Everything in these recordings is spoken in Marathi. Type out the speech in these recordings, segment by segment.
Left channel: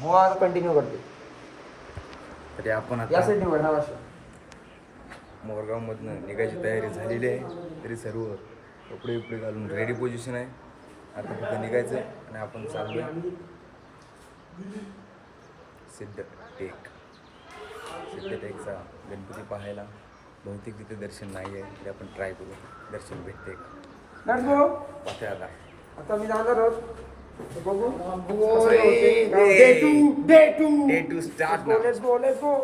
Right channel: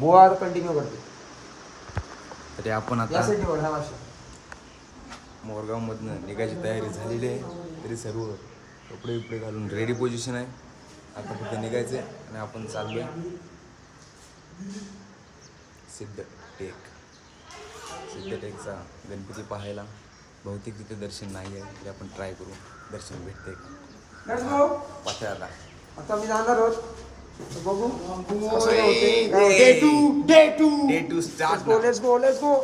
बुवा आता कंटिन्यू करते. तरी आपण या आता साईडने वळा वाशा. मोरगावमधनं निघायची तयारी झालेली आहे. तरी सर्व कपडे बिपडे घालून रेडी पोझिशन आहे. आता फक्त निघायचं आहे आणि आपण चाललो सिद्धटेकचा गणपती पाहायला. बहुतेक तिथे दर्शन नाही आहे तरी आपण ट्राय करू दर्शन भेटते का. Let's go. पाहते आता. आता मी जाणार आहोत. बघू. डे टू स्टार्ट ना. Let's go.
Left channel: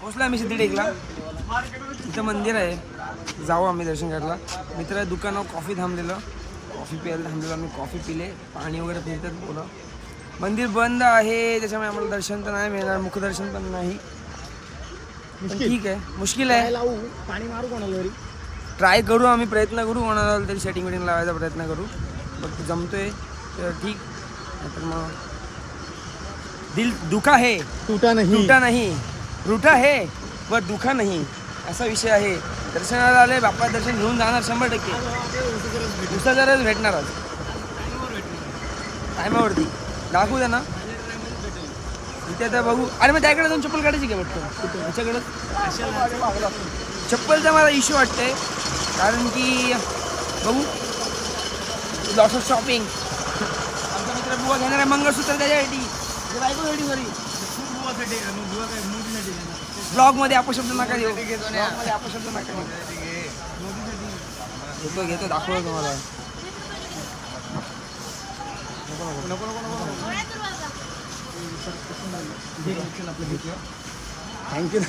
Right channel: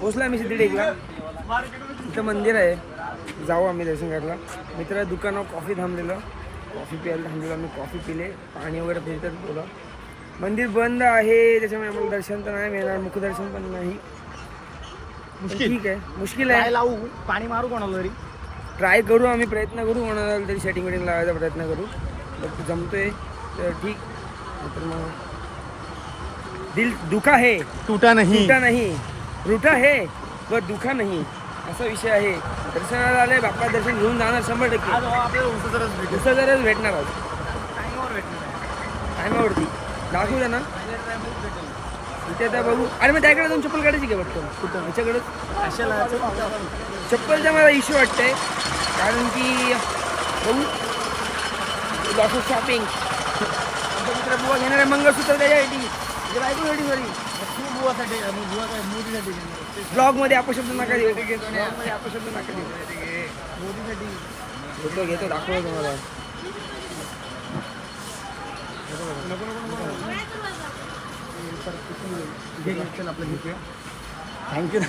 पोचला आम्ही सिद्धटेकला. इथं मंदिर आहे. जाऊ आम्ही दर्शन करायला. मित्र दुकानावर कॉफी थांबलेलं. कॉफी प्यायला थांबलेलं. आम्ही कॉफी पिले. पाणी वगैरे फिरतात बोला. मंदिर बंद आहे त्याच्यामुळे आम्हाला दर्शन तर नाही मिळणार. मुखदर्शन पण नाही. पण ठीक आहे. मुश्किल आहे. पाणी मारू कोणाला तरी. ट्राय करू आम्ही. प्रयत्न करू. कोणाला तरी सेटिंग वेटिंग लावायचा प्रयत्न करू. बट जमतोय तर ठीक. नाहीतर मग दिल दुखा है टूटा नाही रूठा है व दुखा नाही असा विषय आहे. दर्शनाला आले बाप्पा दर्शन घेऊन जाणार 100%. दुसरं भेटणार आज टायमावरती. दाखवू द्या ना इथे आता बघू. अरे मग त्याकडे जाऊन चप्पल काढायची का बघतो कुठं ह्याच्याकडे. चप्पलचा मला इश्यू वाटतंय कारण की बघू लॉस ऑफ शॉपिंग. आमचा मित्र बुवा घेणार आहे मंगळसूत्र त्याच्यासाठी. बायकोसाठी सॉरी बुवासाठी बुवा काय मोदीसाठी ब्लॉग मध्ये अपशब्द नका देऊ. ब्लॉग मध्ये अपशब्द नका देऊ. मोदीसाठी घेतो दाखवतो तुम्हाला. थँक्यू.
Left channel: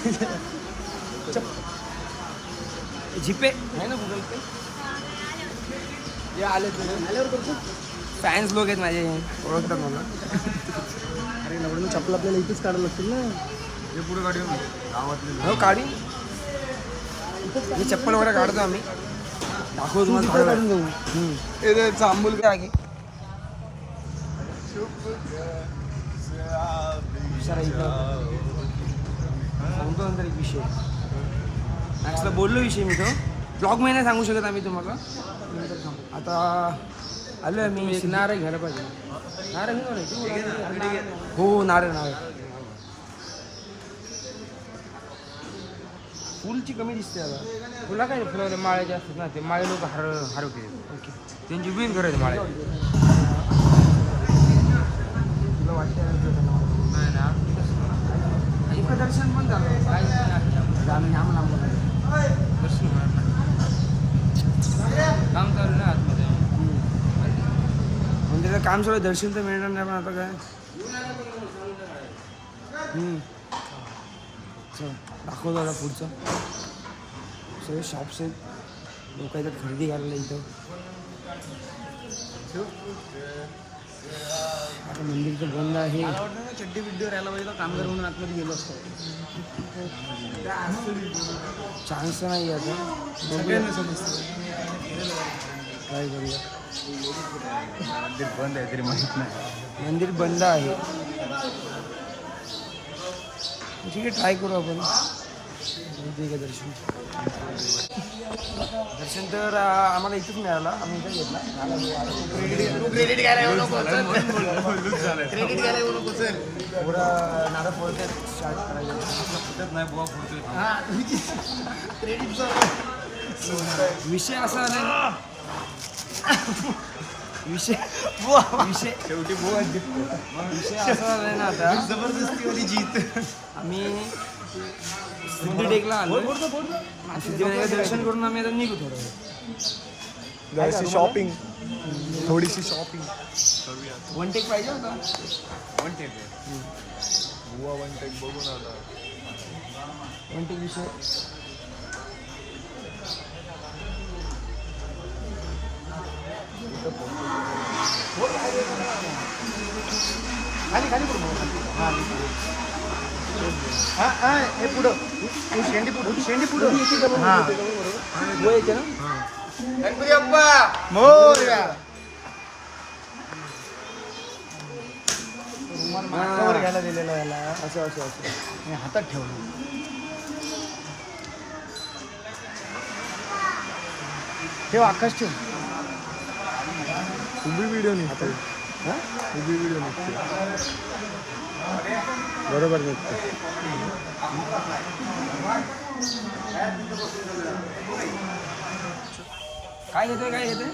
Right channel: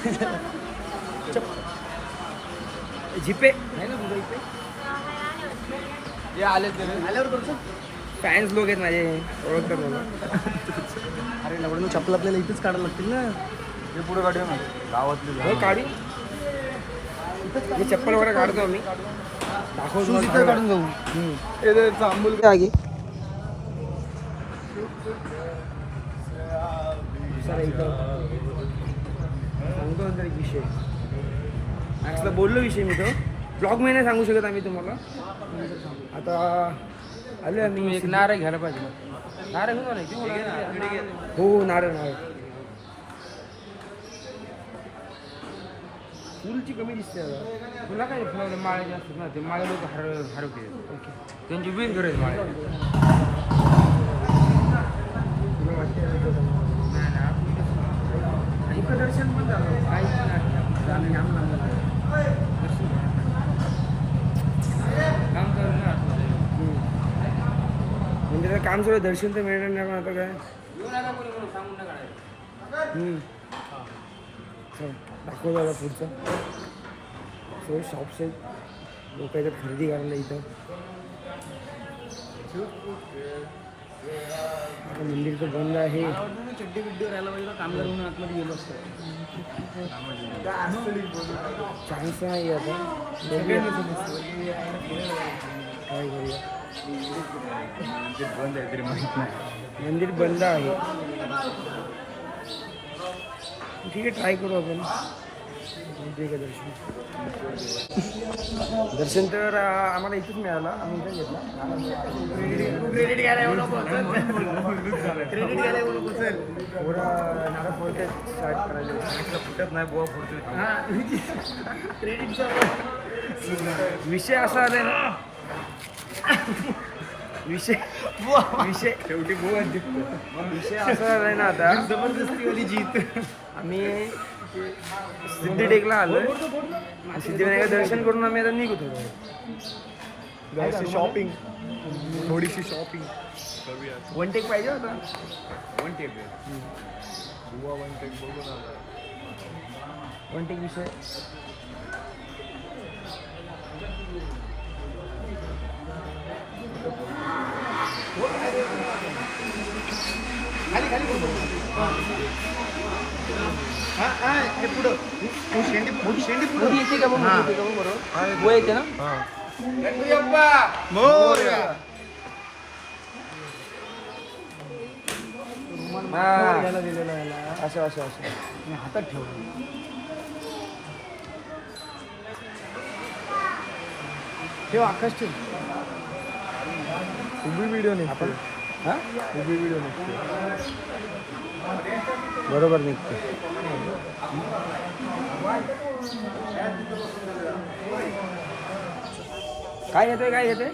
जीपे आहे ना गुगल पे. फॅन्स लोक आहेत माझे ओळखतात मला. चप्पल आपल्याला इथेच काढायला लागतील ना. हे पुढे काढूया ना गावातले. हो काढी. हे चप्पल वगैरे काढतो आम्ही. दाखवतो तुम्हाला. चांबूल आगी सर इथं सांगतो नंतर एक विषय. मॅक्सला बोललो विषय मी तो. ब्लॉग मध्ये नाही सांगू शकत आम्ही तुम्हाला. आता आलो आम्ही. नारळ घ्यायला पाहिजे. हो नारळ फुलची कमी दिसते आता. तुला काय फुलाले माळे जास्त ना. ते माळे लोक हरवते. ओके त्यांची बिल करायची माळे. तुला वाटते नाही मुखदर्शन पण झालं. आम्ही नाम काम करू ना. मंदिराचं काम सुरू. दर्शन तर मिळणार नाही पण आता काय. दाखवतो आता पुढचं. सगळे शॉप्स आहेत. लोक येतात खरेदी करायला इथं. आता मंदिर तर बंद आहे. चड्डी बिड्डीवर यायला पाहिजे. काम करून आतमध्ये गेलो असतो. चान्स नाही आता. बघूया काय करूया. बंद आहे तरी माहिती. मंदिर बंद आहे. ठीक आहे ट्राय करू आपण. दर्शन तर आम्हाला इथंच मिळालं. आम्ही इथं घेतला. पोरा नारळ फोडते स्टार्ट करायचं. फुटत नाही बुवा फुटतो. विषय असा आलाय ना. विषय शेवटी बुवा विषय असा झालाय ना आता. आम्ही सिद्धटेकला आलोय. सिद्धिविनायक दर्शन करून आम्ही आता निघू थोडं. जराशी शॉपिंग, थोडीशी शॉपिंग. वन टेक पाहिजे होता. वन टेक विषय येते ना. घ्यायला दिलेलं आहे याला. असं मी हातात ठेवलं. ठेव आकाश ठेव. उभी व्हिडिओ निघते. उभी व्हिडिओ निघते. बरोबर निघते. काय घेतोय काय घेतोय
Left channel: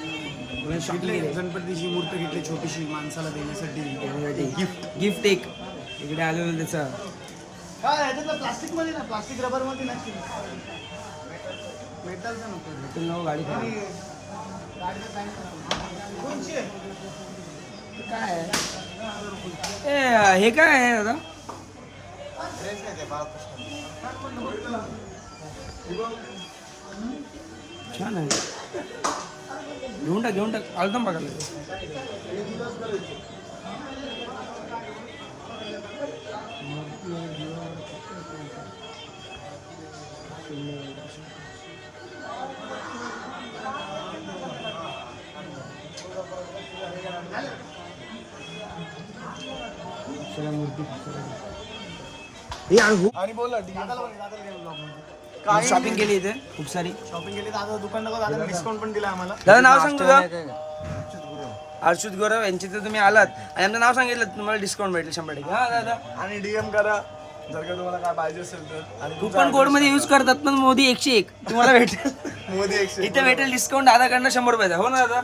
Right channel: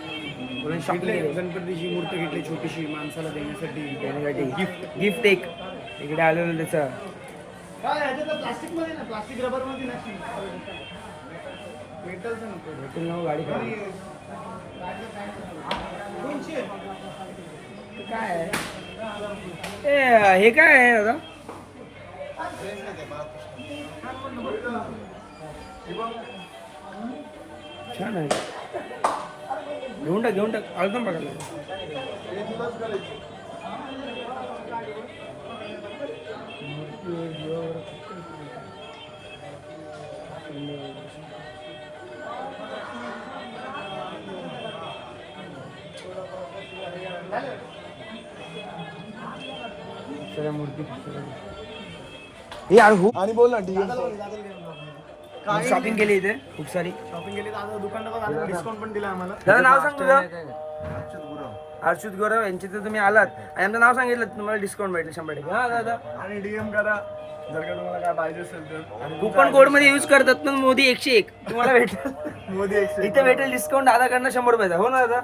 बोला. शॉपिंग केली गणपतीची मूर्ती घेतली छोटीशी माणसाला देण्यासाठी. देण्यासाठी गिफ्ट एक इकडे आलेलं त्याचं. प्लास्टिक मध्ये ना, प्लास्टिक रबर मध्ये नसते. मेटलचं नको. भेटून नको गाडी खराब. काय आहे? हे काय आहे दादा? छान आहे. घेऊन टाक अल्बम बघायला. सगळ्या मूर्ती आणि बोल ना शॉपिंग केली इथे खूप सारी. शॉपिंग केली. दादा दुकानदार डिस्काउंट पण दिला आम्हाला. दादा नाव सांग तुझं. अर्षुत गौरव यांचे तर तुम्ही आलात आणि आमचं नाव सांगितलं तुम्हाला डिस्काउंट भेटलं 100%. हा दादा. आणि डीएम करा जर का तुम्हाला काय पाहिजे असेल तर. आणि कुपन कोड मध्ये यूज करतात पण मोदी 101 तुम्हाला भेटेल. मोदी 100. इथे भेटेल डिस्काउंट दादाकडनं 100 रुपयाचा. हो ना दादा.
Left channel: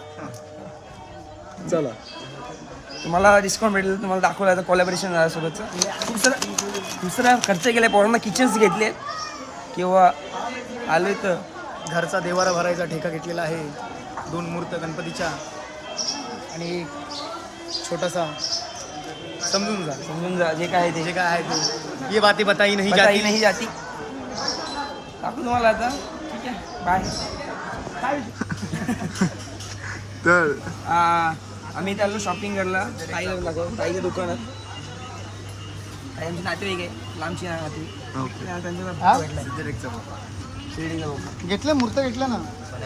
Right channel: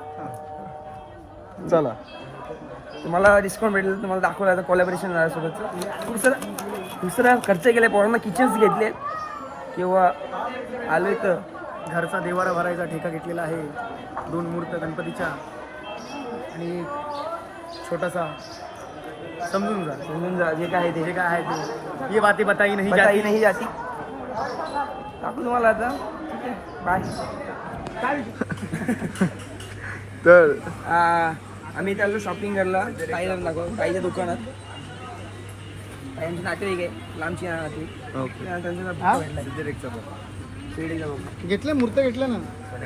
चला तुम्हाला डिस्काउंट भेटेल. तुम्हाला दाखवलं कोलॅबरेशन सोबतचं. दुसरा खर्च केला. पोरांना किचन्स घेतले किंवा आले तर घरचा देवारा भरायचा ठेका घेतलेला आहे. 2 मूर्त्या गणपतीच्या आणि एक छोटासा समजून जा जे काय जे काय आहे ते. ये बातें बताई नाही जाती जाती. नाही जाती. दाखवू तुम्हाला आता. ठीक आहे बाय. तर आम्ही चाललो शॉपिंग करायला ताईच्या दुकानात. त्यांचे नातेवाईक आहे लांबची नातेवाईक. त्यांचा भोका भेटला शिर्डीचा भोका. घेतल्या मूर्त्या घेतल्या ना.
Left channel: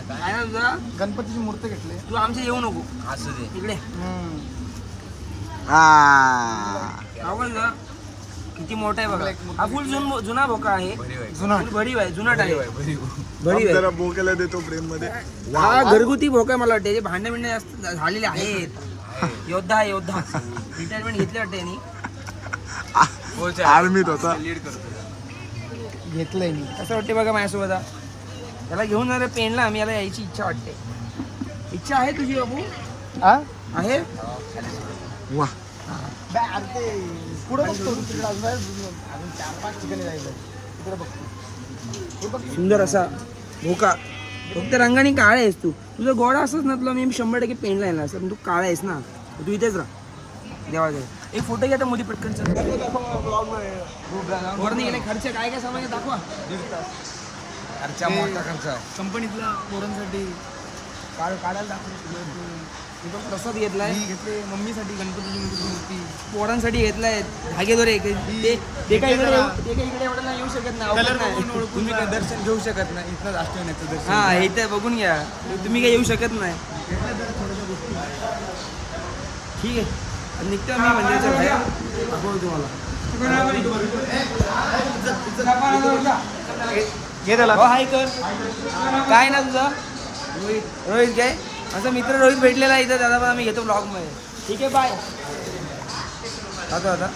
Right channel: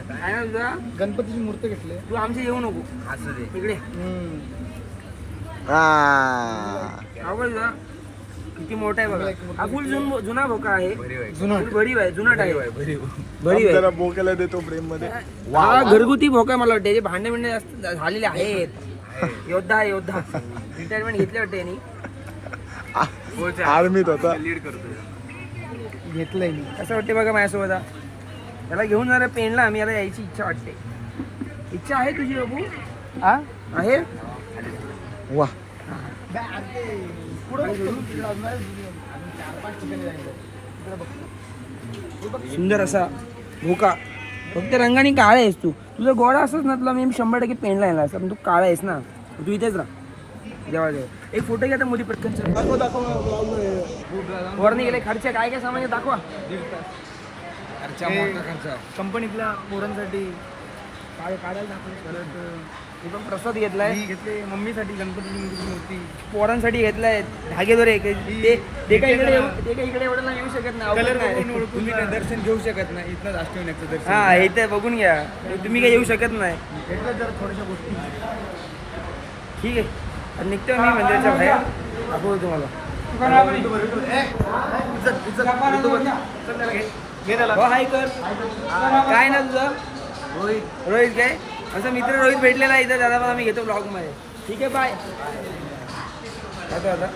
काय ना तुझा गणपतीची मूर्ती घेतली. तू आमचे येऊ नको असू दे. इकडे. किती मोठा आहे बघा. हा फुल जुना भोका आहे. जुना भरीव आहे. जुनाट आहे. भरीव जरा बोकेला देतो प्रेम मध्ये. हा घरगुती भोका मला वाटते. त्याचे भांडे बिंडे जास्त झालेले आहेत. योद्धा रिटायरमेंट घेतली वाटते यांनी. आर्मीत होता. घेतलंय मी. कसं वाटते बघा माझ्यासोबत. त्याला घेऊन जाणार पेनला आम्ही. याला यायची इच्छा वाटते. इच्छा आहे तुझी बाबू. आहे वा. सुंदर असा भोका. फक्त रंगाने काळा आहेस तू. तुझा गोडा असंच ना तुला मी 100% पेनला येणार असं. पण तू काळा आहेस ना. तू इथेच राहा देवा. एक फोटो घ्या मोदी पटकन. वरने गेले खर्च काय काय सामान दाखवा. कंपनीतल्या पोरांसाठी काढायला टाकले. परत मी पण प्रसाद घेतलाय. घेतले मम्मीसाठी गणपतीची मूर्ती. पोरांसाठी घेतलाय धागेदोरे. ते काय इकडे एवढं नाही येऊ शकत नाही. तुम्ही काय दर्शन घेऊ शकत नाही. इथं राष्ट्रवाण्याचं दर्शन. हा हे तर बघून घ्या. तुम्ही काय येऊ शकत नाही. घेतल्या जर थोड्याशा गोष्टी. ठीक आहे आणि निघतो मी मंदिराच्या बाहेर. दाखवतो तुम्हाला. हो हाय कर. काय ना तुझं रोहित काय आमचा मित्र रोहित भेटलेला इथं. दादा पण आम्ही घेतो ब्लॉग मध्ये. ठीक आहे बाय. आता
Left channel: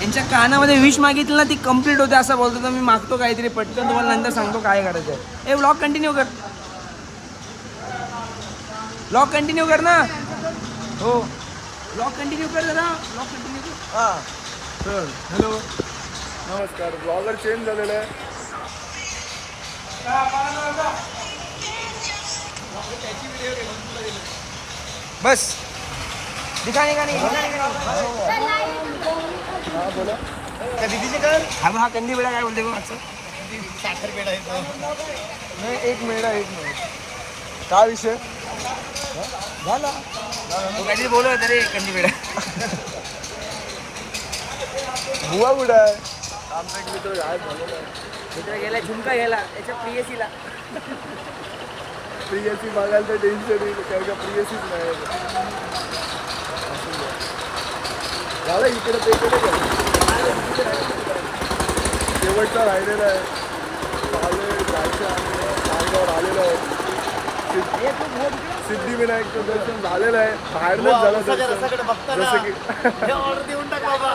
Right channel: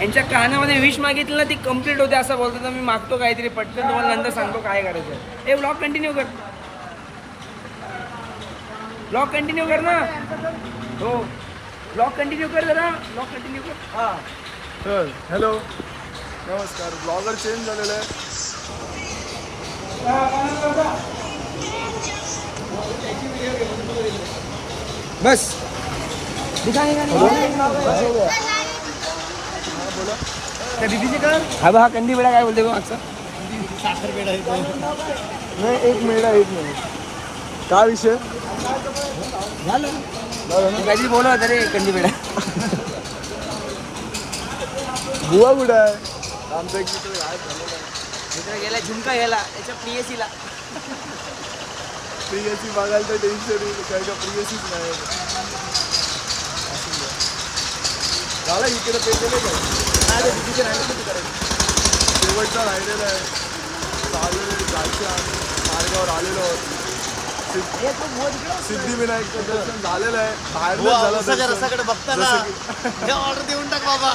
यांच्या कानामध्ये विश मागितलं ना ती कम्प्लीट होते असं बोलतो. तर मी मागतो काहीतरी पटकन. तुम्हाला नंतर सांगतो काय करायचं आहे. ए ब्लॉग कंटिन्यू कर. ब्लॉग कंटिन्यू कर ना. हो ब्लॉग कंटिन्यू कर जरा. ब्लॉग कंटिन्यू कर. तर हॅलो नमस्कार. ब्लॉगर चेंज झालेला आहे. बस निघा निघा निघा. हा बोला त्या दीदीचे काम हा बा कंदी वेळा काय बोलते बा आजचा साखर पेढा आहे तो. एक मिनिट काय विषय झालं तू काहीतरी बोलव तरी कंदी वेळा. बुवा कुठं आहे? आमचा एक मित्र गायब झालेला आहे. मित्र गेला झुमका गेला याच्या प्रियसीला. प्रियसी बघायला तर टेन्शन येईल कारण का प्रियसीच नाही. झालं इकडे पेलेलं शेवटचा राहिलेला आहे. चालेल जायचं आम्ही मार्गावर आलेलो आहोत. सिद्धिविनायकचं दर्शन झालेलं आहे. बाहेरनंच झालं दर्शन. जसं की ऑर्डर देऊन टाका बाबा.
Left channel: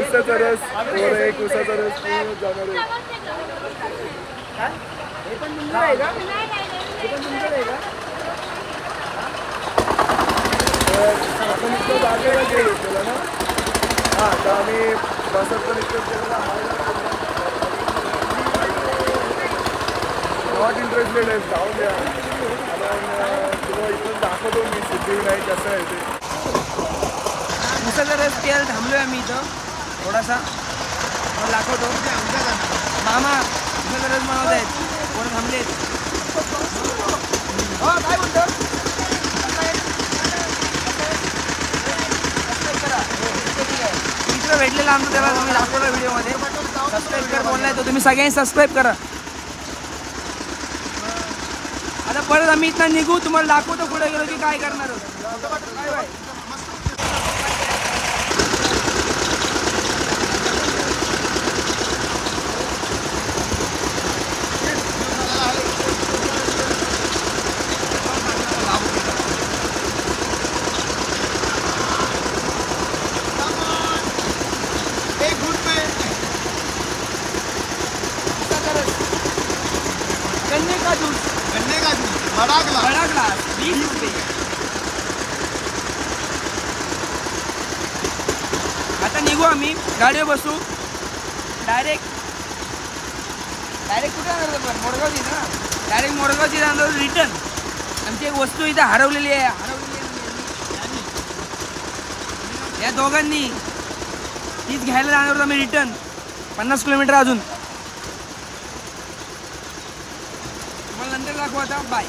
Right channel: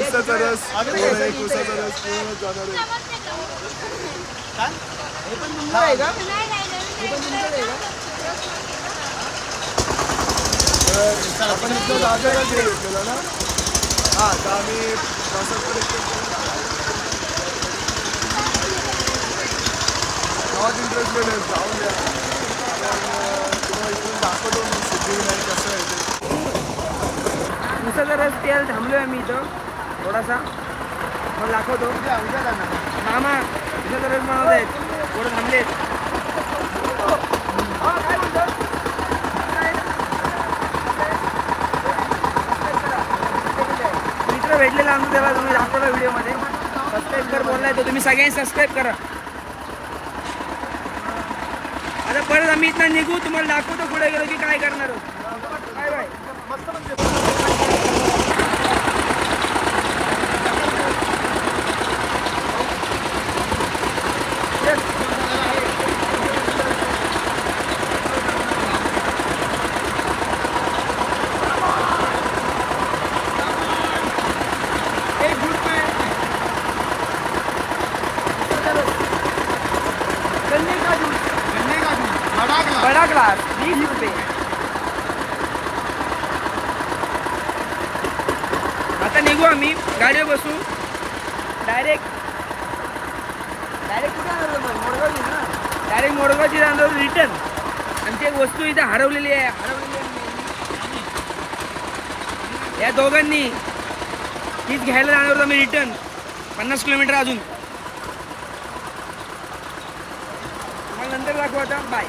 उसाचा रस थोडं एक उसाचा रस पूर्ण जाणार आहे. हे पण तुमचं आहे का? हे पण तुमचं आहे का? तर आपण इथं जागेला गेलो केलं ना. हां तर आम्ही बसत पण इतकं केलेलं गावात इंटरेस्टेड आहे. जाऊन द्या आपण तुम्हाला इथून दाखवतो मी सिद्धिविनायक कसं आहे ते. उसाचा रस केला थांबलोय आम्ही इथं थोडासा मग दाखवतो. मामा उसाचा रस बनवत आहेत थोडं थांबलेत. हा काय म्हणतो मित्र भेटलेला आमचं त्याला तुम्ही दाखवलं व्हिडिओमध्ये. सबस्क्राईब कर बोललाय तो तुम्ही सगळ्यांनी सबस्क्राईब करा. आता परत आम्ही इथनं निघू तुम्हाला दाखवतो पुढे गेलो की काय करणार आहोत. Bye bye. एक गुटके गन्ने का जूस गन्ने का जूस बडा ग्लास. बडा ग्लास 20 रुपये. आता निघू आम्ही गाडीवर बसू डायरेक्ट कुठे जाणार पण मोरगावची ना. डायरेक्ट मोरगावची जाणार रिटर्न. आमची एक वस्तू इथे हरवलेली आहे म्हणजे या दोघांनी तीच घ्यायला जाणार होतो आम्ही रिटर्न 50 किलोमीटर अजून. तुम्हाला नंतर दाखवू आता. बाय.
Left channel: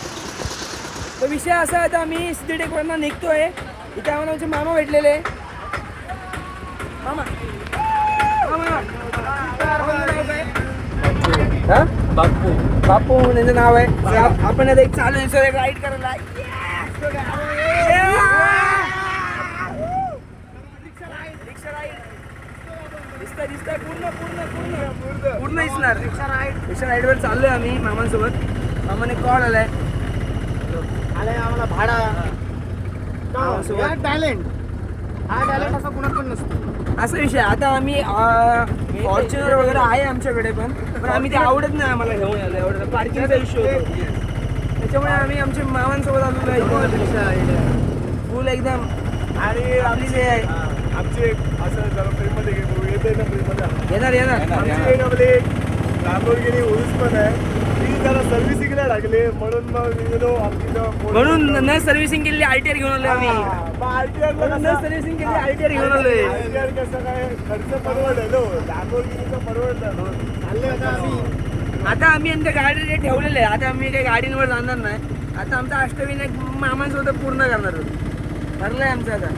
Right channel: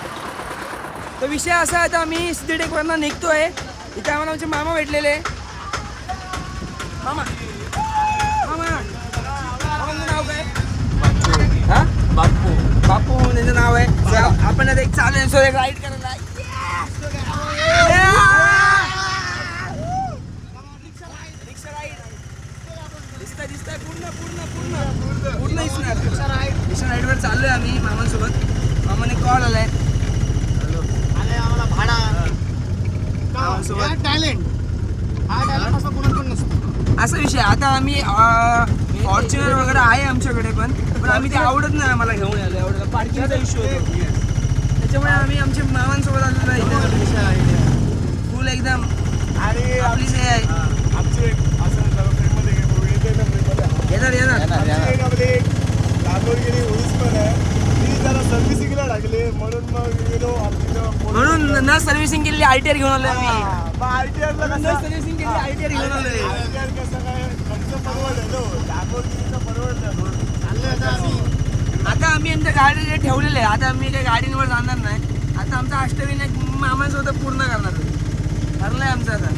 तो विषय असा आहे आता आम्ही सिद्धीटेकवरनं निघतोय. इथे आम्हाला आमचे मामा भेटलेले. मामा मामाचं नाव काय? हा बापू. बापू त्यांचं नाव आहे. आपण आता एक चालेल सो राईड करायला. रिक्षा राईड दिसतंय पूर्ण दिसणार. रिक्षा राईडवर चाललोय आम्ही मामांसोबत. मामाने कॉल आलाय. आलाय आम्हाला भाडा. मामांसोबत टॅलेंट हा टॅलेंट असा कुणात पण नसतो. असा विषय. आता आम्ही फॉर्च्युनर वगैरे आहे आमच्याकडे पण आम्ही ते आवडत नाही आम्हाला घेऊन आलो. एवढं पार्किंगचा इश्यू होतो. त्याच्यामुळे आम्ही आमच्या मामांसोबत आलेलो आहे इथं. फुल एकदम आणि आपली जे आहे आमचे असं जरा फ्रेममध्ये घेतो येते ना फ्रेममध्ये येणार आमची एक आपली लॅम्बोर्गिनी उरूस पण आहे. ती जरा सर्व्हिसिंगला लागली म्हणून मग आमची म्हणून न सर्व्हिसिंग केलेली RTR घेऊन आलोय आम्ही. आरटीआरला न सर्व्हिसिंग केलेली RTR घेऊन आलोय. आरटीआर कसं काय खर्च परवडलो लॅम्बोर्गिनीचा परवडलं. चाललोय आता आम्ही. आता आम्ही आमच्या गाडी जे ठेवलेले आहे. आता आम्ही काही गाडींवर जाणार नाही. आता आमचा अष्टविनायक मामांसोबत पूर्ण करणार आहोत. ठरलंय आमचं आता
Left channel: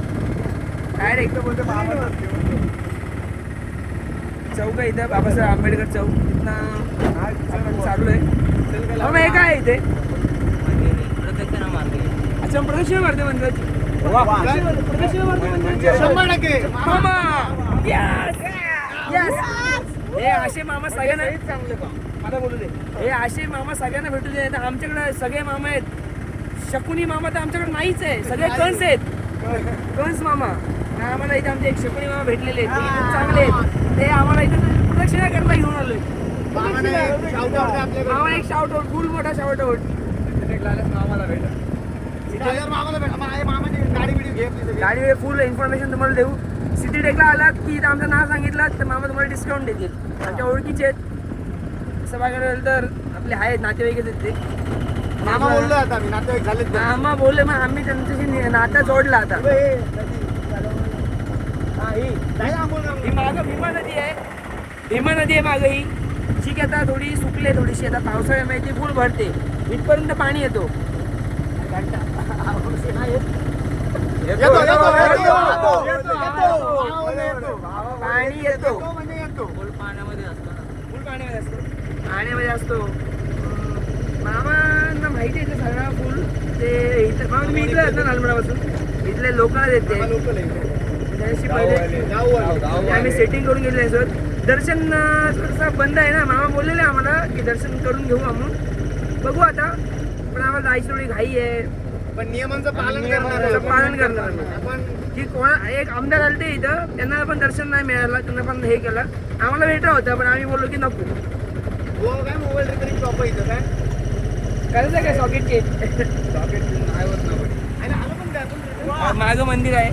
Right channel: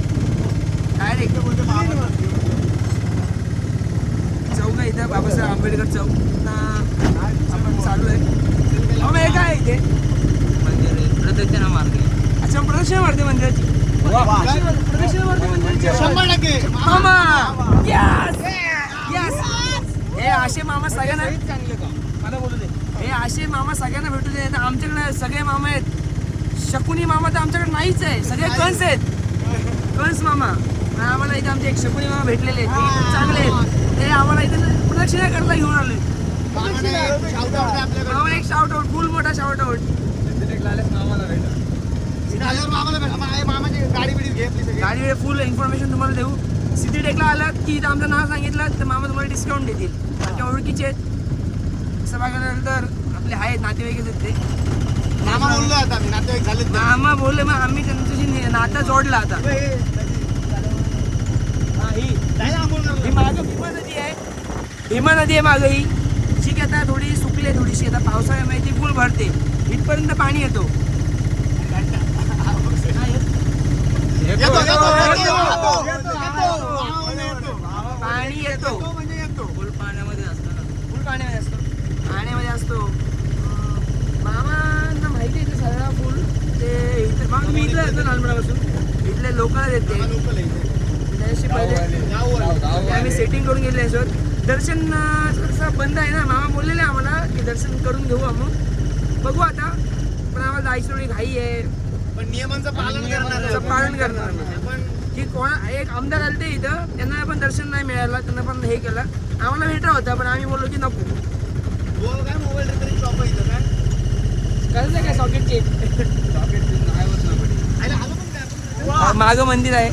डायरेक्ट बोलतो मामा चौक आहे इथं बाबासाहेब आंबेडकर चौक. आपण चाललोय. हे काय इथे अच्छा प्रदक्षिणा मारते मंदिराची. प्रदक्षिणा मारते मंदिराची 100% मामा. यस हे असे मामा सगळ्यांना हे असे मामा सगळ्यांना भेटू दे. आमच्याकडे सगळे मामा आहेत. शकुनी मामा तर आमच्याकडे नाहीच आहे. सगळे कंस आहेत. कंस मामा. आम्हाला इथे आमचे एक शकुनी मामा भेटलेले आहेत. ते खूप चांगले आहेत. ते आम्हाला इथे प्रदक्षिणा करायला घेऊन आलो. मामा एक शाउट आउट फुल मोठा शाउट आउट. गाडी फुल इन्फॉर्मेशन तुम्हाला देऊ. सिटी टेकला आलात की इथं आमचं नाव सांगितलं तर मामा तुम्हाला डिस्काउंट देतील. आमच्या ओळखीचे आहेत. असं बघायला तर आपले आहेत नातेवाईकच आहेत ते. मामा बोललो आता मी नातेवाईक झाले मामा बोलले मग आम्ही त्यांच्याशी नाता जोडला आता. ही मागं भीमा नदी आहे. भीमा नदी आहे मागं ही. ठीक आहे, आता थोडी सुकली थोडीशी. आता पावसाळ्यामध्ये ती फुल भरते, इथपर्यंत पाणी येतो. पाणी येतो फुल पाण्यामध्ये असतो. पाण्यामध्ये असतो. मामांना माहिती आहे ते सगळं फुल. ते इथं मामा मी इथलं येतो नालमडापासून. इथले लोकांना देते त्याशी पहिले आम्ही सेटिंग करून गेले सर. दर्शन थोडंसं बंद आहे ना. मामा बोललेले आम्हाला की दर्शन करून घेऊ आम्ही. बघू आता, पण आम्हाला जायची थोडी घाई आहे. पण नियमांचं पालन करणार आम्ही. की कोणा एक आमदार आले ते इथं, त्यांना पण दर्शन नाही मिळालं. त्यांना पण हे केलं. आम्हाला भेटलं होतं पण आम्ही बोललो की नको. काय मोबाईल रिपेअरिंग शॉप आहे इथं काय करायचं काय सॉकेट चेक. मागं मंदिर आहे.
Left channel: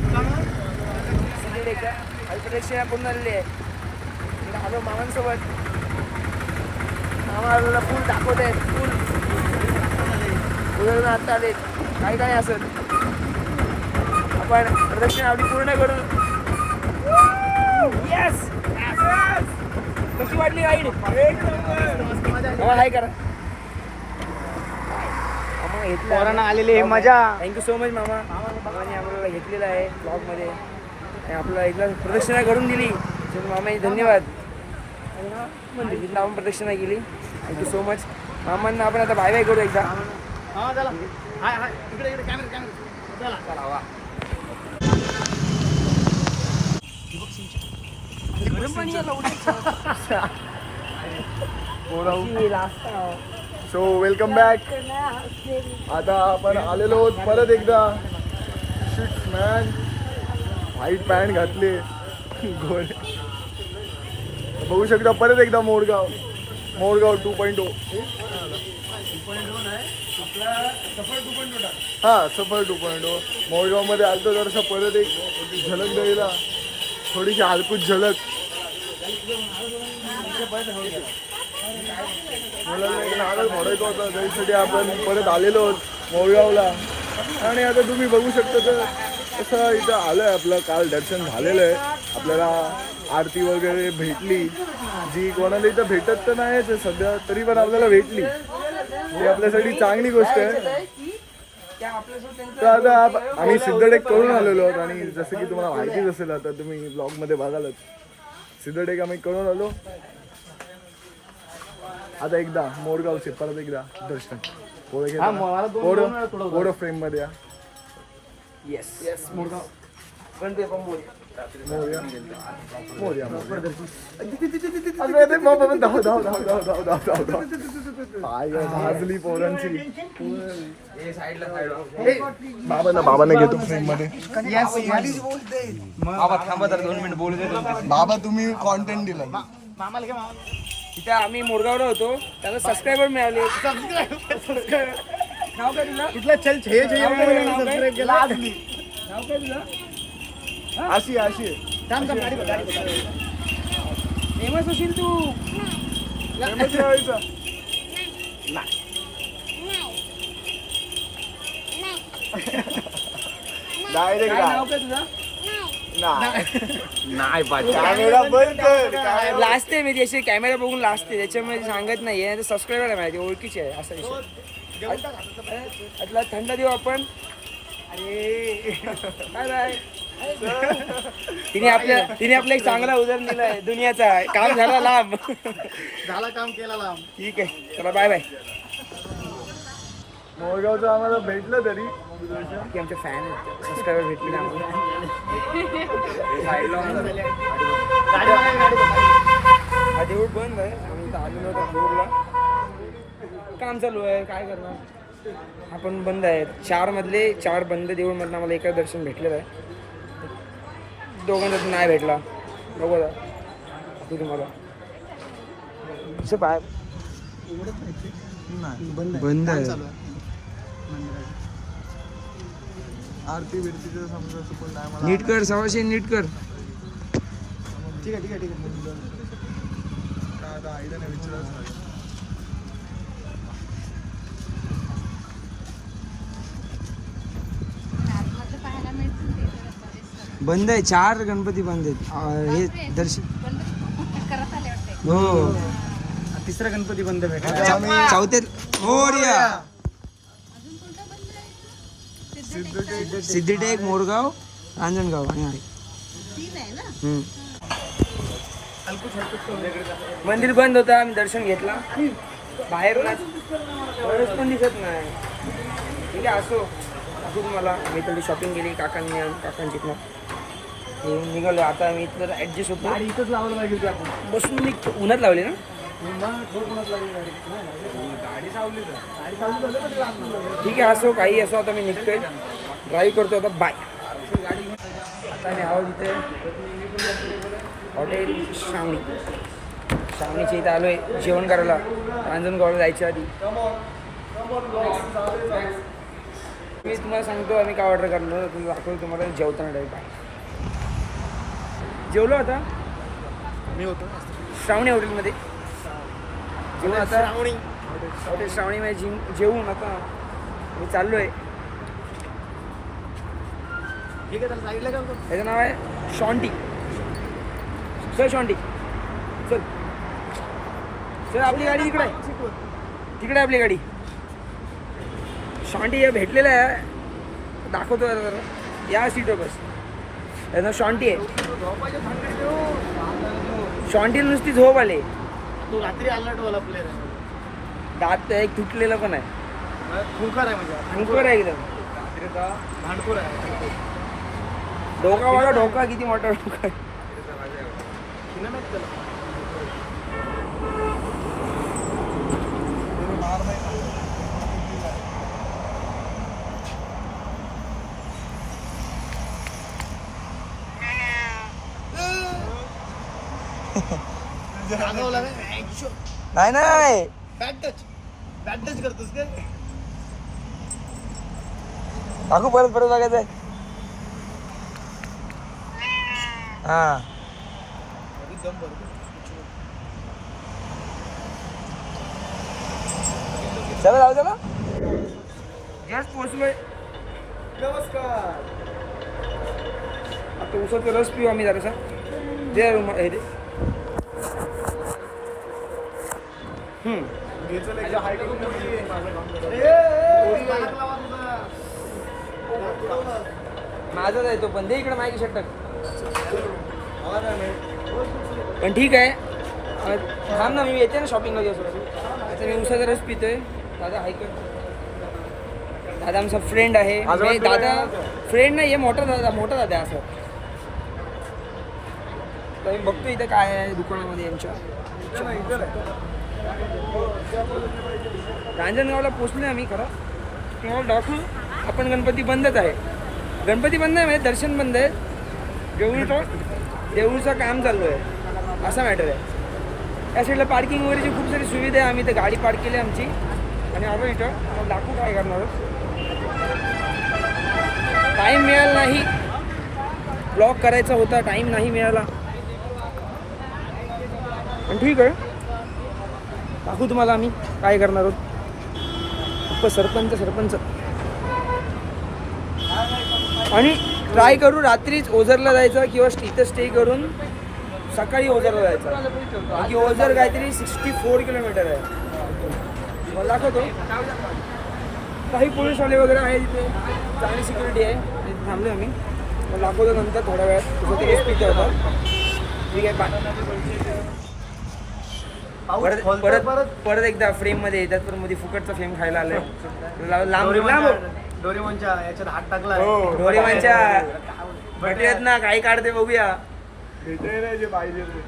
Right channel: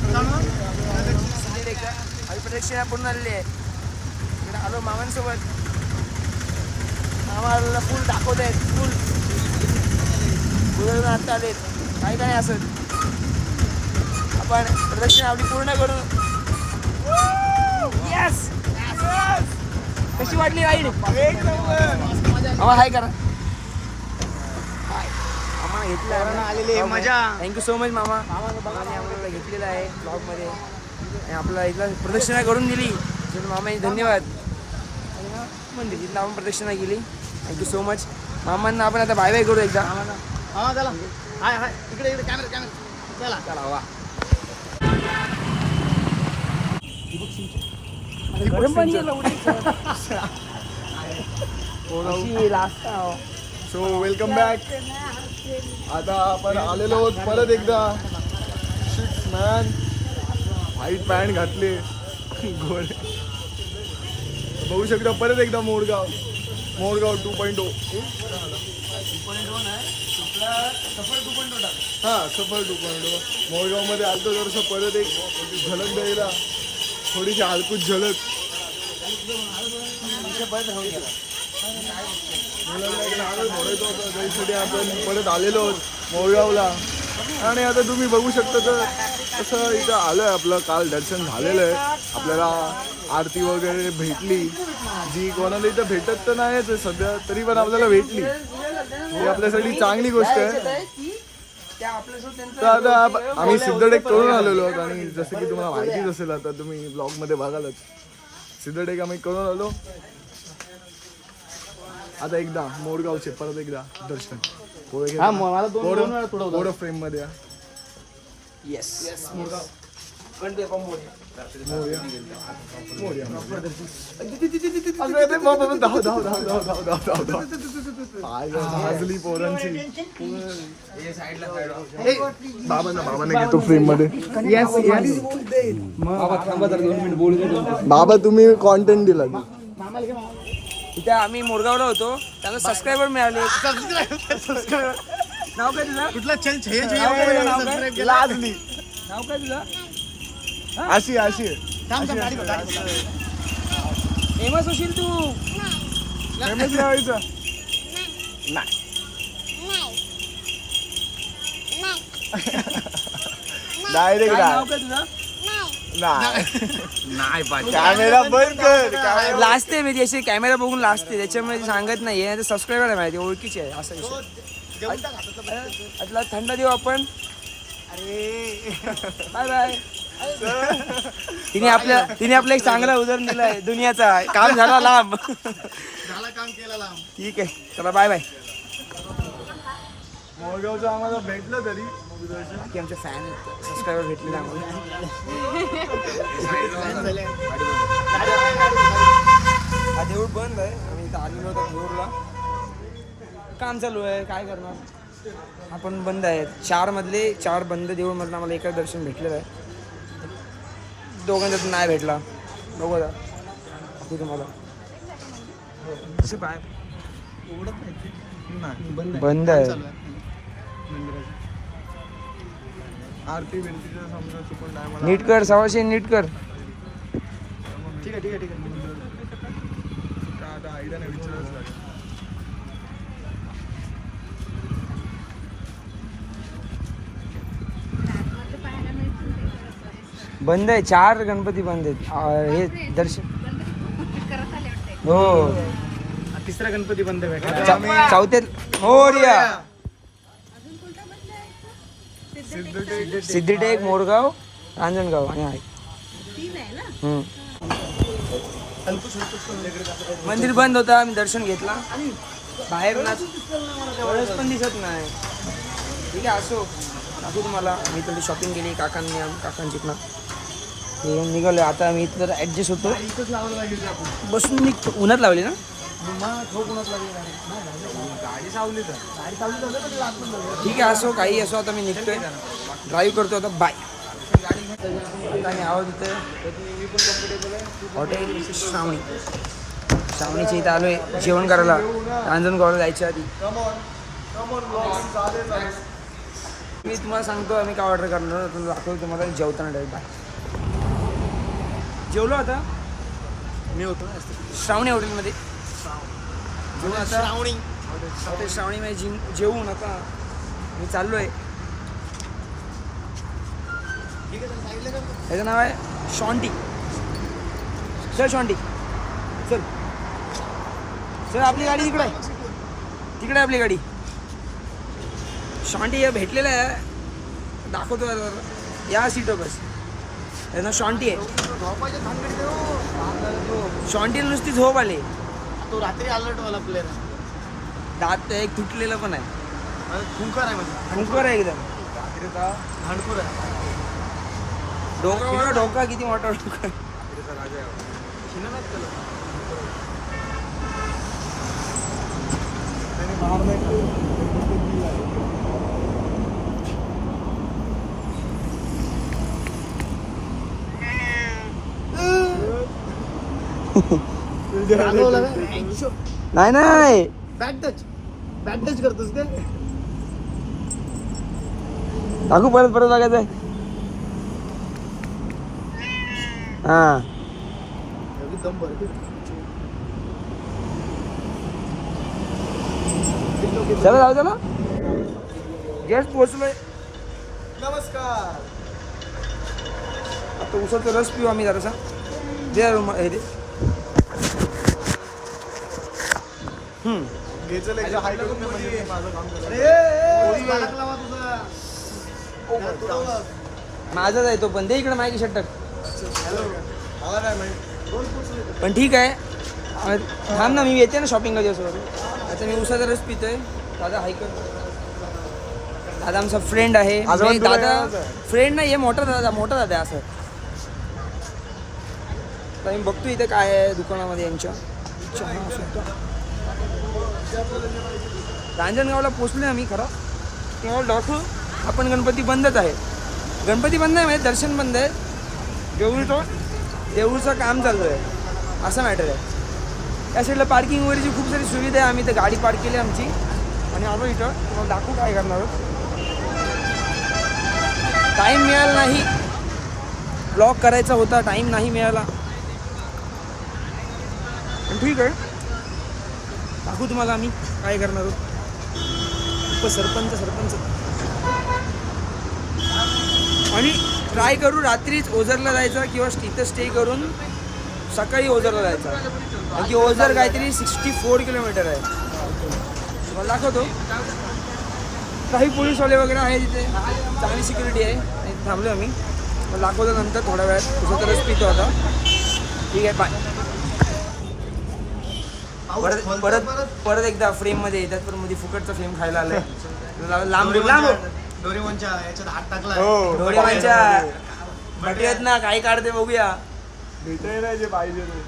अल्परेक्षा पूर्ण आलेली आहे. इकडे आलो मामांसोबत. मामा फुल दाखवत आहेत. फुल आत्ता आलेत. काही असत. आपण प्रदक्षिणा आपली पूर्ण करून. यस, कशी वाटली राईड? आम्हाला हाय करा. आम्हाला घेतलं आलेली मजा. थँक्यू सो मच मामा. मामाने आम्हाला घेतलेलं आहे ब्लॉगमध्ये आणि आपल्याला एकदा प्रदक्षिणा करून दिली. मामाने धन्यवाद. आणि हा मंदिर तिथं आपण प्रदक्षिणा केली. थँक्यू सो मच मामांना. आपण आता बाय बाय करू एकदा. हा चला. हाय हाय इकडे कॅमेरा चला. गरम पाणी सो वेलकम बॅक. आता आपण आलेलो आहोत परत एकदा. शिट्स मॅन, व्हाईट पॅन्ट घातले गोळे. बघू शकता परत एकदा मोरगाव 2.0. हा, सफर 2.0. मोरगावमध्ये आलतो जरासं परत एक झलक द्यायला, थोडीशी हलकूच झलक. म्हणायचं होतं त्यासाठी आपण परत आलेलो आहोत मोरगावला. आणि आता तुम्ही बघू शकता तर कसं इथं आलं आहे. आपलं काल दर्शन झालेलं आहे. आपल्याला आरती वगैरे भेटली, जी कोणाला इथं भेटत तर नाहीच सध्या, तरी पण आपल्याला भेटली. ही आपल्यासाठी चांगली गोष्ट आहे. तर आता आम्ही सिद्धटेक करून आलेलो आहोत. आणि जसं की तुम्हाला माहितीच असेल, आता तुम्ही ब्लॉगमध्ये बघालच, सिद्धटेक आम्ही करून आलो. आता एकदा मोरगावचे परत एकदा दर्शन. थोडं फ्रेम मध्ये. Yes yes Morgaon. भाजली पोरांची. बाबांना घेतो फ्रेम मध्ये. बाबा तुम्ही कॉन्टेंट दिला. इथे आम्ही मोरगावला होतो, त्याला सबस्क्रायबर मिळाले. नाव काय तुझं? कुठला चल सबस्क्राईब केला. नाव काय तुझं? अशी फेमस होशील तू. डायरेक्ट काय नाव काय तुझं? नाही कॅमेरा बंद कर. लाजते मी अशी कॅमेरा बघून लाजते, त्याच्यामुळे सांगत नाही. नाही तर सबस्क्रायबर आहे माहिती, ओळखीचे आहे असा विषय. आता थंड देऊ आपण. Bye bye. तिने आपला एक चांगला उदाहरण दिला आहे दुनियाचा. काम झाला लांब. झाला काम केला लांब. ठीक आहे, चला बाय बाय. मोरगावचं आम्हाला भेटलं तरी की आमचे फॅन आहेत, सबस्क्रायबर भेटले आम्हाला. हा देऊळ बंद आहे. आम्ही इथं आलेलो होतो देऊळला. काम चालू आहे, काय करणार. आपण बंद आहेत. 4 मधले 4 बंद देऊळ मधलं आम्हाला एका दर्शन भेटलेलं आहे. दोघांचा नाही भेटला. बघू आता तुम्हाला पाय बंद आहे. आरती बिरतीचं समजा चुकून नाही मला. नीट कर सवाशे, नीट कर. ठीक आहे. का आता आईला नाही विचारायचं लागेल. बंद आहे, 4 गणपती बंद आहेत. हे दर्शन हो. तिसरा गणपती बंद भेटला. चौथे मोरया. सिद्धिटेक, मोरगाव, रांजणगाव आणि आहे. मंदिर बंद होता, आम्ही दर्शन घेतला. बाहेर कळस पण दिसत नाही. ठीक आहे, असो दाखवू तुम्हाला. मी थोडी शॉपिंग केली काकांची हे निघालोय आता. मी इथं ॲडजस्ट होतो, इथंच लावायला पाहिजे आपण. बसून निघतो. उन्हात लावली ना ठीक आहे, असो काही असो. आता मी निघतोय, ड्राईव्ह करतो आता. बाय. आता मी आहोत इथे हॉटेल श्रावणीच्या इथं आलोय जेवण करायला. रांजणगावला जायच्या आधी मी तुम्हाला सांगतो आम्ही काय ऑर्डर करणार. तुम्ही दाखवतो तुम्हाला जेवताना डायरेक्ट. बाय. जेवलो आता मी होतो श्रावणी हॉटेलमध्ये. जेवण आता हॉटेल श्रावणीमध्ये जेवून आता मी चाललो आहे. त्याचं नाव आहे शॉन्टी. सर शॉन्टी चल सर, आपली गाडी तिकडे आहे, तिकडे आपली गाडी. शॉन्टी हे भेटलेलं आहे, दाखवतो जरा. या सीटवर बस. त्याचं नाव शॉन्टी आहे. शॉन्टीला नुसती झोप आली. तो रात्री अलर्ट वाला प्लेअर आहे. दात एक तुटलेलं पण आहे. खुंखार आहे म्हणजे अंकुर आहे एकदम. भांडखोर आहे. डोका बघा, डोका किती मोठा डोका आहे. नाही नाही बॅक टच करतोस काय? दाखवू परत परत बघायचंय. हा जस्ट पोहोचलोय. नमस्कार. आता उसाचा रस पिऊ आम्ही जरासा. जे हे दे. माझाच आहे तो पण. दे इकडे माझी शर्ट. पण ठीक आहे, थांब ना, मी येते ना शॉपिंगला दिवस. आता मी उसाचा रस पितोय. दादा हाय कर. दादा आमचा फ्रेंड आहे. दादा फ्रेंड नाही, हे मोठा दादा आहे असं. तर मी बघतो इथं काय आहे दुकानामध्ये यांच्या. रांजणगावला पोचलो आम्ही. खरं तुम्हाला दाखवू, आपण गणपती बंदच आहे. गणपती बंद आहे म्हणजे दर्शन बंद आहे. देऊळचं काम चालू आहे, असा मॅटर आहे. त्या साईडला पार्किंग वगैरेची खूप सारी सुविधा आहे. आम्ही इथं गाडी पार्क केली आमची आणि आलो इथं. तुम्हाला दाखवू काय करणार. टाईम मिळाला नाही, ब्लॉग करायचा होता, टाईम नाही मिळाला. पण ठीक आहे, दाखवू तुम्हाला आम्ही काय करणार आहोत. सरपंच आणि ट्राय करू रात्रीच ओझरला जायचं किंवा इथं स्टे करून सकाळी ओझरला जायचं. म्हणजे ओझर काहीतरी 64 किलोमीटर आहे. मला दाखवतो. काही पोलीसवाले वगैरे आहे तिथे, चांगली सिक्युरिटी आहे. आणि थांबलो आम्ही. मला दाखवतो नंतर थोड्या वेळात. तुझं तरच पितो होता. ठीक आहे, बाय. परत एकदा फ्रेममध्ये येतात, पण मध्ये फुकटचा फ्रेम खायला आलाय. लांब डोरेमॉनच्या याच्यात हात टाकला. डोरेमॉनच्या भटयत ना काही काढते बघूया. भेटय ना जे पाहिजे ते.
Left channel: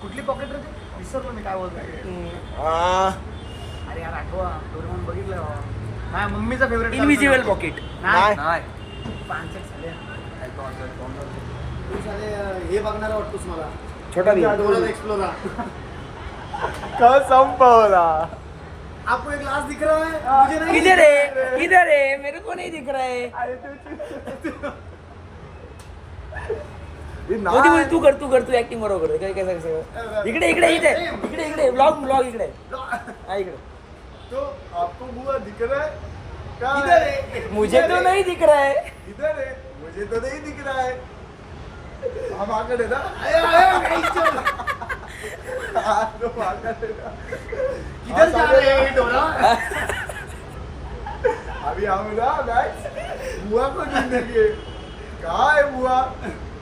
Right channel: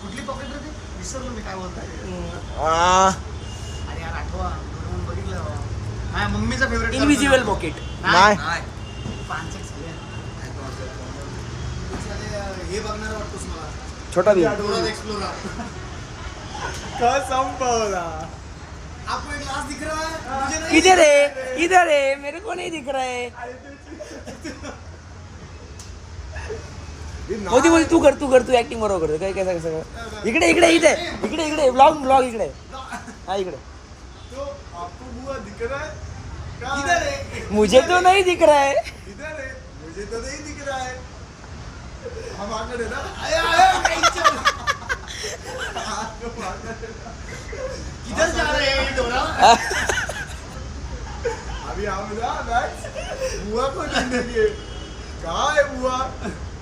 कुठली पॉकेट रे? विसरलो मी काय बोलतोय. अरे यार आठवा, डोरेमॉन बघितलं. माझ्या मम्मीचा फेवरेट. Invisible pocket. नाही पानसट झाले. हे बघणार वाटतोस मला. छोटा भीम. एक्सप्लोरा. का संपवला. आपको एक ग्लास दिख रहा है? मुझे नहीं. इधर है, मेरे को नहीं दिख रहा है. बोल, तू कर ऍक्टिंग बरोबर. काय कसं इकडे ब्लॉग इकडे. हा इकडे. तो आपको बुआ दिख रहा है? मुझे तो नहीं दिख रहा है. इधर है, मुझे तो नहीं दिख रहा है. हा माकडे ना आया, आया, गाईच्या. हा, तो माकडे ना. किधर जा रहे हैं डोरा? अभी हम ना गाइस बुआ को ढूंढने गए. कहाँ है बुआ?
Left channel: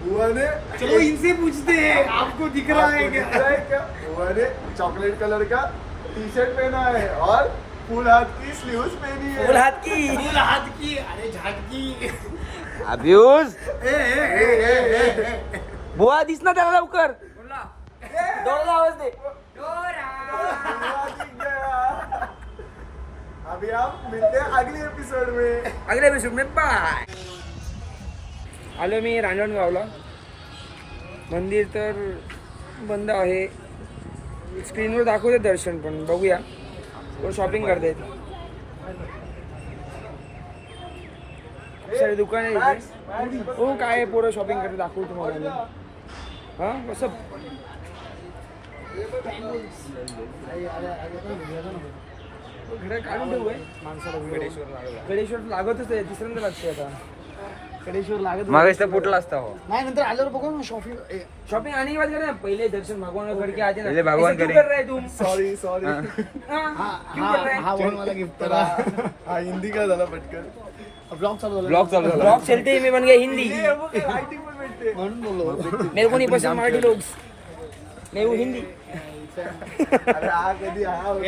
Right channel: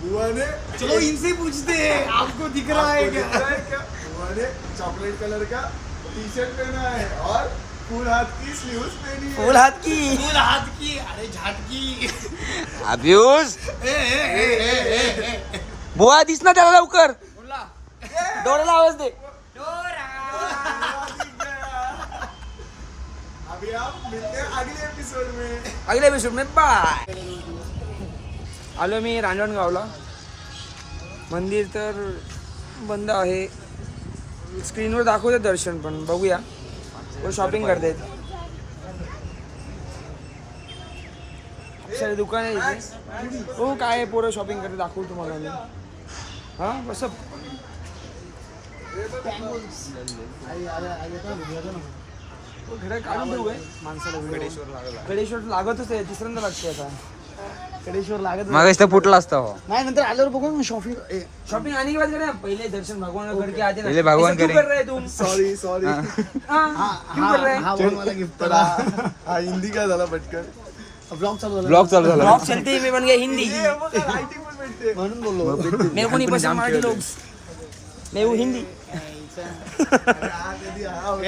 बुआ ने चलो इनसे पूछते हैं, आपको दिख रहा है आपको क्या? दिख रहा है क्या? बुआ ने चॉकलेट कलर का टी शर्ट पहना है और फुल हाथ की स्लीव्स पहनी है. फुल हात की फूल हाथ की, अरे झाटकी. अभ्यूज ए, ए, ए, ए, ए, ए. बुवा दिस ना त्याला लवकर डोळ्याला आवाज दे. बुआ दिख गया. अभी हम मिलते हैं अगले एपिसोड में. अगले एपिसोड में बाय. आलो मी रांजणगावला. मंदिर तर बंद आहे. स्क्रीनवर दाखवते दर्शन पण बघूया. व शॉपिंग करतायत. खूप सारे दुकान आहे इथे. हो काय आहे, पोरं शॉपिंग करते दाखवू तुम्हाला मी. हां कसं घड्याळ काढून ठेवू आहे. गडेश्वर लागतच आहे. तिसऱ्यांदा लागते आता. कडेश्वर लागत मागास तर फुटला असता हो. नाही, नंतर आल्यावर बघू शॉपिंग. शॉपिंग आने के बाद करें. पहले दर्शन भगवान करके आते ना. पहले भगवान ऐसा क्यों करें. कर रहे तुम? Sorry sorry. हाँ, क्यों कर रहे हैं? हा बोल मला गिफ्ट तर हा हिंदी काय झाला पटकन. ब्लॉग चालू झाला. ब्लॉग चालू झाला. ब्लॉग चलते ही मैं बन गया हिंदी. रायटिंग पण भेटते. म्हणून बोललो. मेरे को नहीं पसंद मराठी लोग. मैं वो हिंदी. अरे हा कधी हा होतो.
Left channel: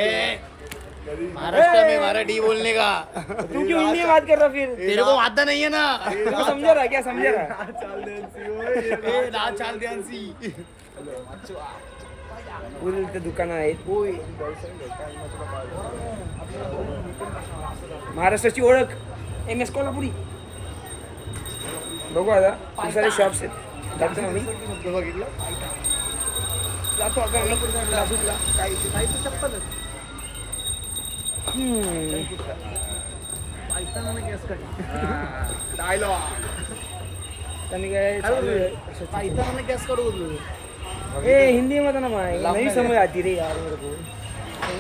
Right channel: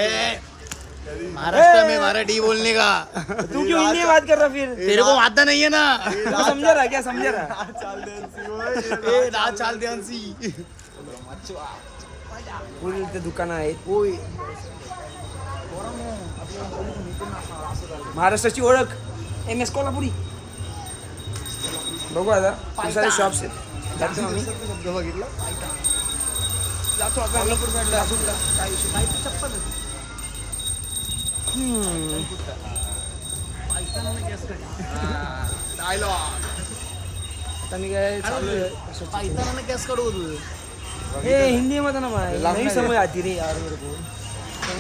महाराष्ट्र में मराठी बोलने का. तू क्यों हिंदी में बात कर रहा फिर? तेरे को आता नहीं है ना. तू समझा रहा क्या? समझा रहा? हा चाल द्यांसी होय. ए, ना चाल द्यांसी. पुढे इथे दुकानं आहेत. होय. महाराष्ट्राची ओळख MS कोल्हापुरी. बघू आता खूप सारे शॉप्स आहेत. जातो ना आम्ही. शब्द बघितला. जातो आता आम्ही नाशिकला. काय विषय? काय चप्पल. डायलॉग. आता मी काय चालू आहे कशाची. पायताना गॅस काढू. ए हिंदी में ना मैं नहीं समझ आती रे यार मेरे को.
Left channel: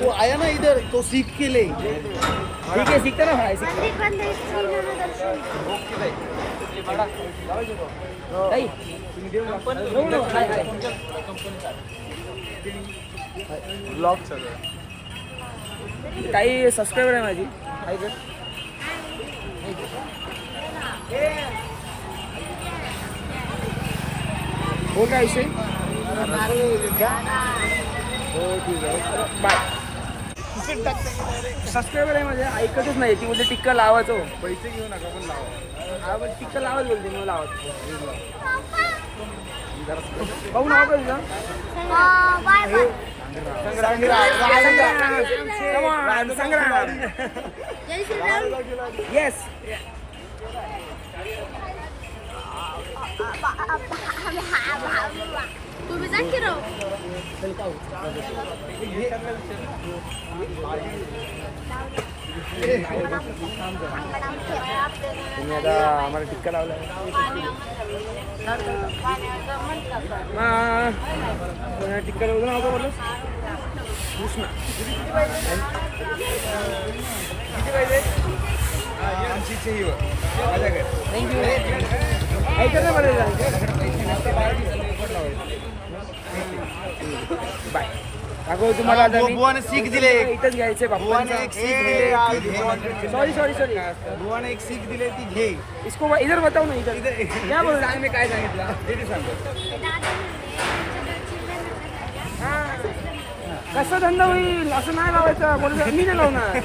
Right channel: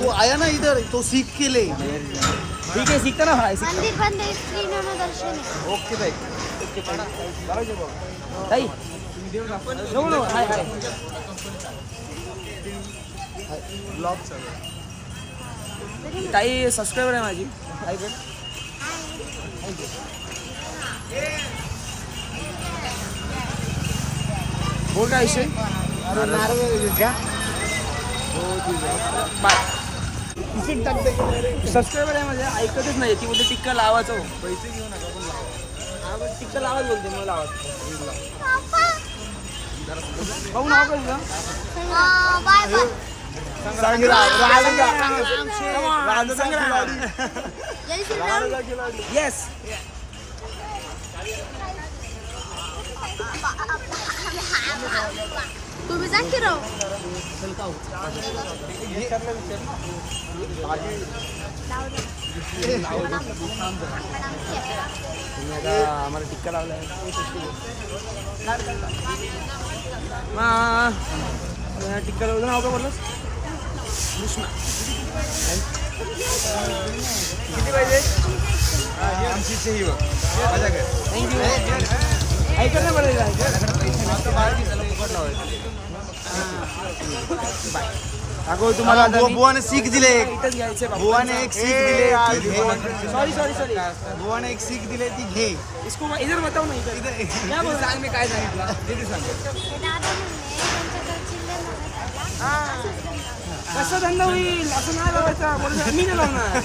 वो आया ना इधर तो सीख के ले. ठीक है सीखता ना भाई. मंदिर बंद आहे, श्रीराम दर्शन. ताई नो नो हाय हाय. ताई सबस्क्राइबर आहे माझी. हाय कर. बोल काय विषय. हो ठीक आहे बाय. सबस्क्रायबर आहे माझे ऐकतच नाही. ती बोलते टिक्का लावायचं. पैसे घेऊ नका पण लावा. आवड टिक्का लावत बोलते मला लावत. भाऊ नाव काय तुझं? Bye bye. Sangram. Come on, Sangram. जय श्रीराम. येस. तुम्ही जा की राव. तुम्ही आता आम्हाला टिक्का लावलाय. टिक्का लावलं नाव का बोललं? कृष्णा. किती पाहिजे? थँक्यू. ऐकत ना बरं बाय. दाखव तुम्हाला आता मी. बुवाने सीख दिले. इथंच घ्यायचंय बुवाने एक सीख दिले ती घे. Sorry sorry sorry. बुवाने एक सीख दिले ती घे. इसको इधर बताओ ना. इधर क्या बोल सांग मी काय सांगितलं ते सांग. कसं धंदा होईल असं नाही लावायचं. बोल मी नाही लावणार.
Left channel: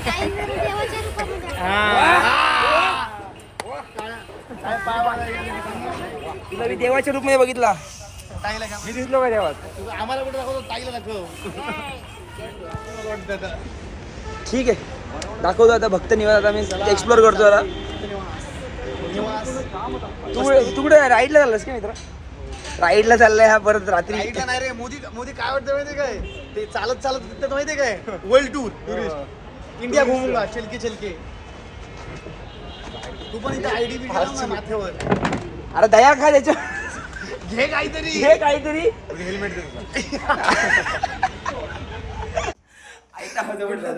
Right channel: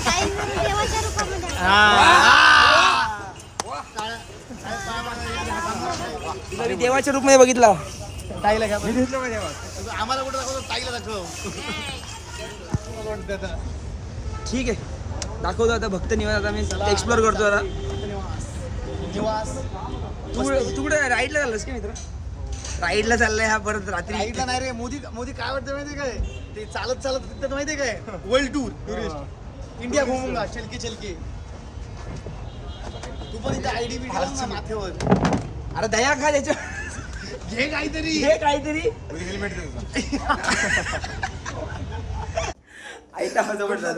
तुला मी देवाच्या रूपमध्ये बघितला. ताईला घ्या. मी दिसलो का देवात? आम्हाला कुठं दाखवतो, ताईला दाखव. ठीक आहे दाखवतो आता. भक्त निवास आता मी एक्सप्लोर करतो जरा. तू कुठे राईडला चाललास का मित्र? राईडला चाललाय हा परत रात्री. ताईला नाही रे. मोदी काय वाटतं माहितीये काय? ते चालत चालत तिथं माहितीये काय? वर्ल्ड टूर टुरिस्ट इंडिया घुमूंगा चलके चलके. तू पण इथे आयडी बी माथेवर अरे दया खा त्याच्या. घे काहीतरी. हे काहीतरी हेल्मेट दे. ऐका हा कुठलं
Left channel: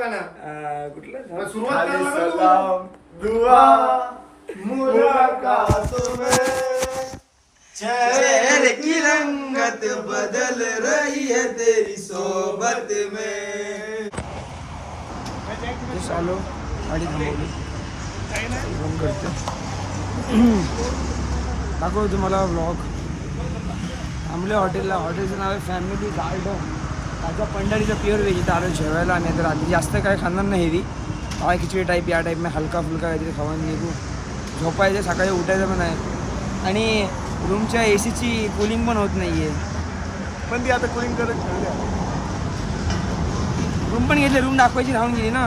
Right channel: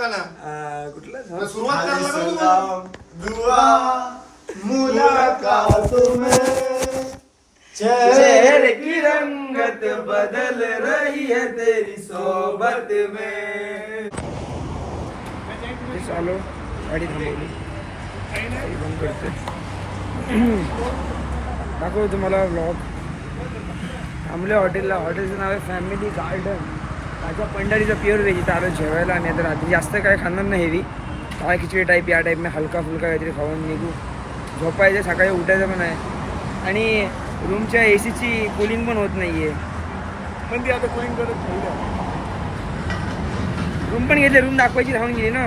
गाणं कुठलं सुरुवात करायला नको. सलाम दुआ मुलाकात में चेहरे की रंगत बदल रही है तेरी सोबत में. आलो गाडी थांबवली गाडी बंद करते. दाखवतो तुम्हाला व्लॉग. थांबले हॉटेलला. हॉटेलचं नाव आहे फॅमिली गार्डन. ताज्या पंढरीचा प्युअर वेज इथं आलो जेवायला. आणि आता रात्री जास्त काय खाणार नाही हेवी. डाळ खिचडी टाईप या टाईपने हलका फुलका काहीतरी खाऊन निघू. झोपायचं सकाळी उठायचं पण आहे. आणि रूमच्या ACची कूलिंग पण होत नाही आहे. पण ती आता कुलिंग करत ठेवली. रूम पण घेतले. रूम दाखवायची राहून गेली ना.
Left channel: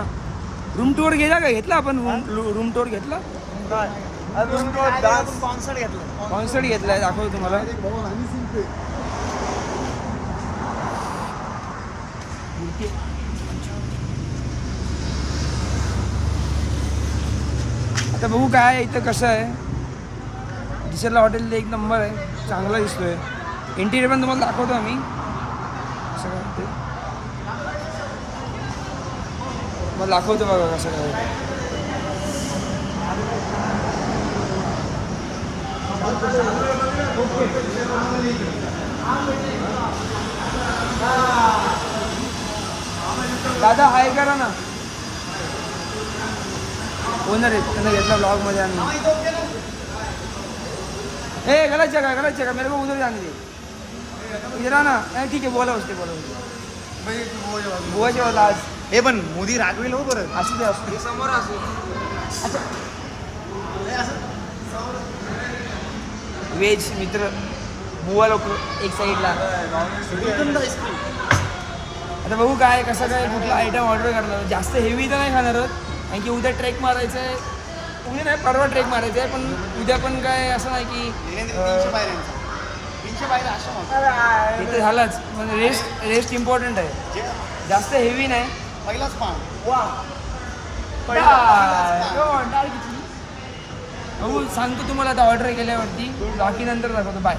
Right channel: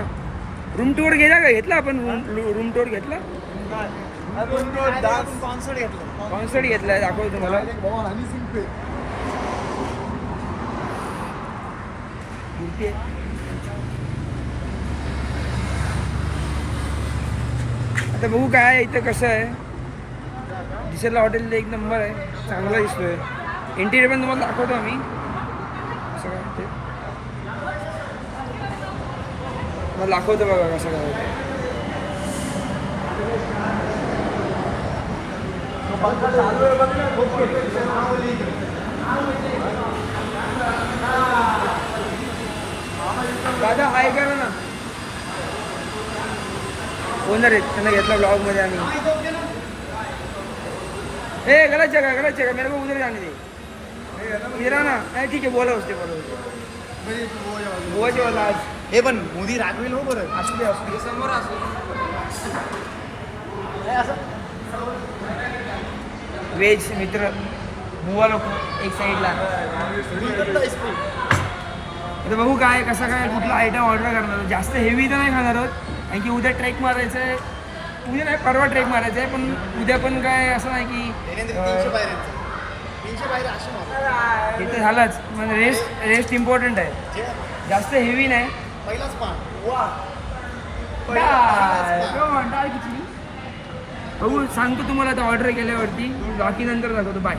रूम टूर गेला का? घेतला आपण रूम टूर घेतला. कॉन्सर्ट घेतलाय. दाखवतो तुम्हाला. आता बघू काय आहे इथं कसं आहे. दिसायला हॉटेल एक नंबर आहे. चांगला दिसतोय. इंटिरियर पण तुम्हाला दाखवतो आम्ही कसं काय ते. मला दाखवतो बघा कसं काय. दादा हाय करा ना. ओनर आहेत. त्यांना घेतला ब्लॉगमध्ये आम्ही. ए गलत जगह मेरे को उधर जाने दे. इधर ना. ठीक आहे बोला उसते बोलायचे बोला आज. हे पण मोदी रागवेल हो बरं. असू दे समोर असू. वेज मित्र बुवा लोक एक साईडला. आता बघू काय कसं काय कुठला आयटम ऑर्डर करणार. जास्त हेवी तर नाही खाणार आहोत. कारण की उद्या ट्रेक मारायचं आहे. उद्या नाही परवा ट्रेक मारायचं आहे. पण उद्या पण काय असं नाही की ते झालंच. म्हणजे रेस्ट इम्पॉर्टंट आहे. जास्त हेवी नाही. डाळ किती बघू सांगतो तुम्हाला आता ऑर्डर केल्यावरती. बाकी नंतर दाखवतो. बाय.